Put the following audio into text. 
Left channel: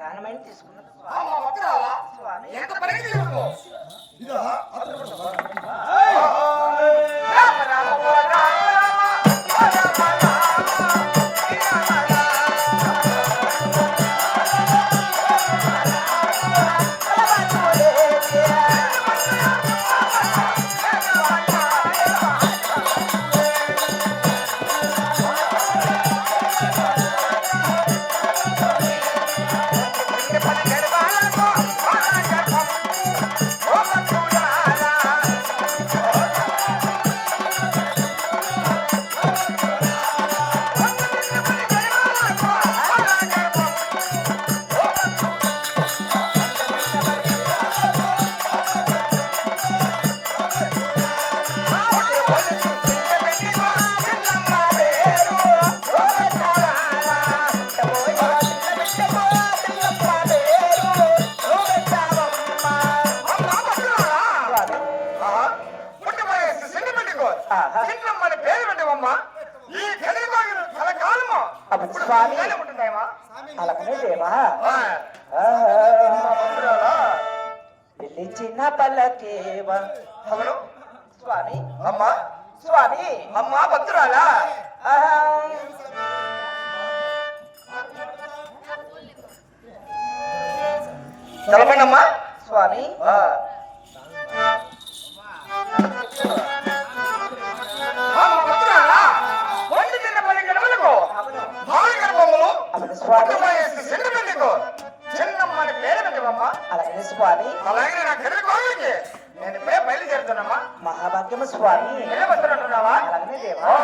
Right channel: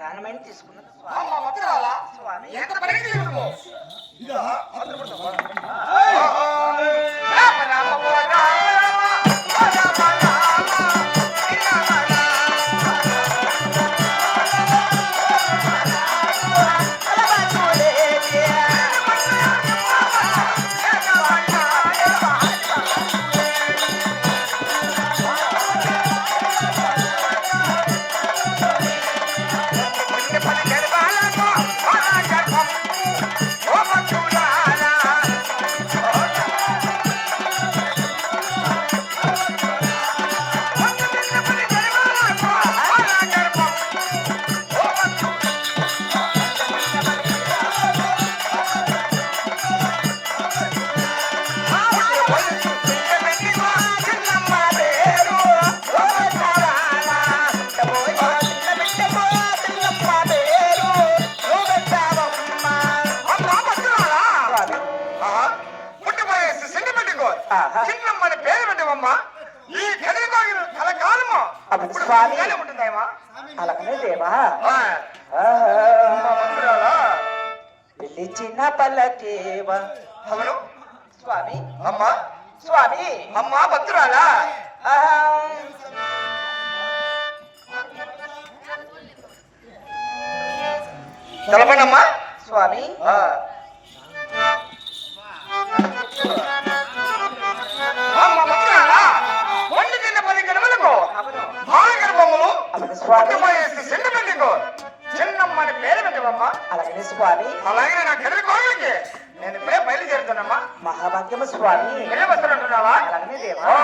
ప్రాణమైన తీసుకున్నది స్వామి. ఎంత పనికి తీసుకున్నావు ఇదా అలాగనే దేవా చిన్న పల్లకేవా అవును స్వామి. అమ్మా స్వామి అమ్మా భద్రాలా తెలపండి అమ్మా స్వామి. చిన్నమ్మని పేరు పెట్టవమ్మా అలాగే స్వామి. అలాగే నా కర్రీ కోరికే నేను ఇప్పుడే బయలుదేరుతున్నామ్మా. మహాభాగ్యము స్వామి. వెళ్ళి వస్తున్నట్టున్నావా? అలాగనే దేవా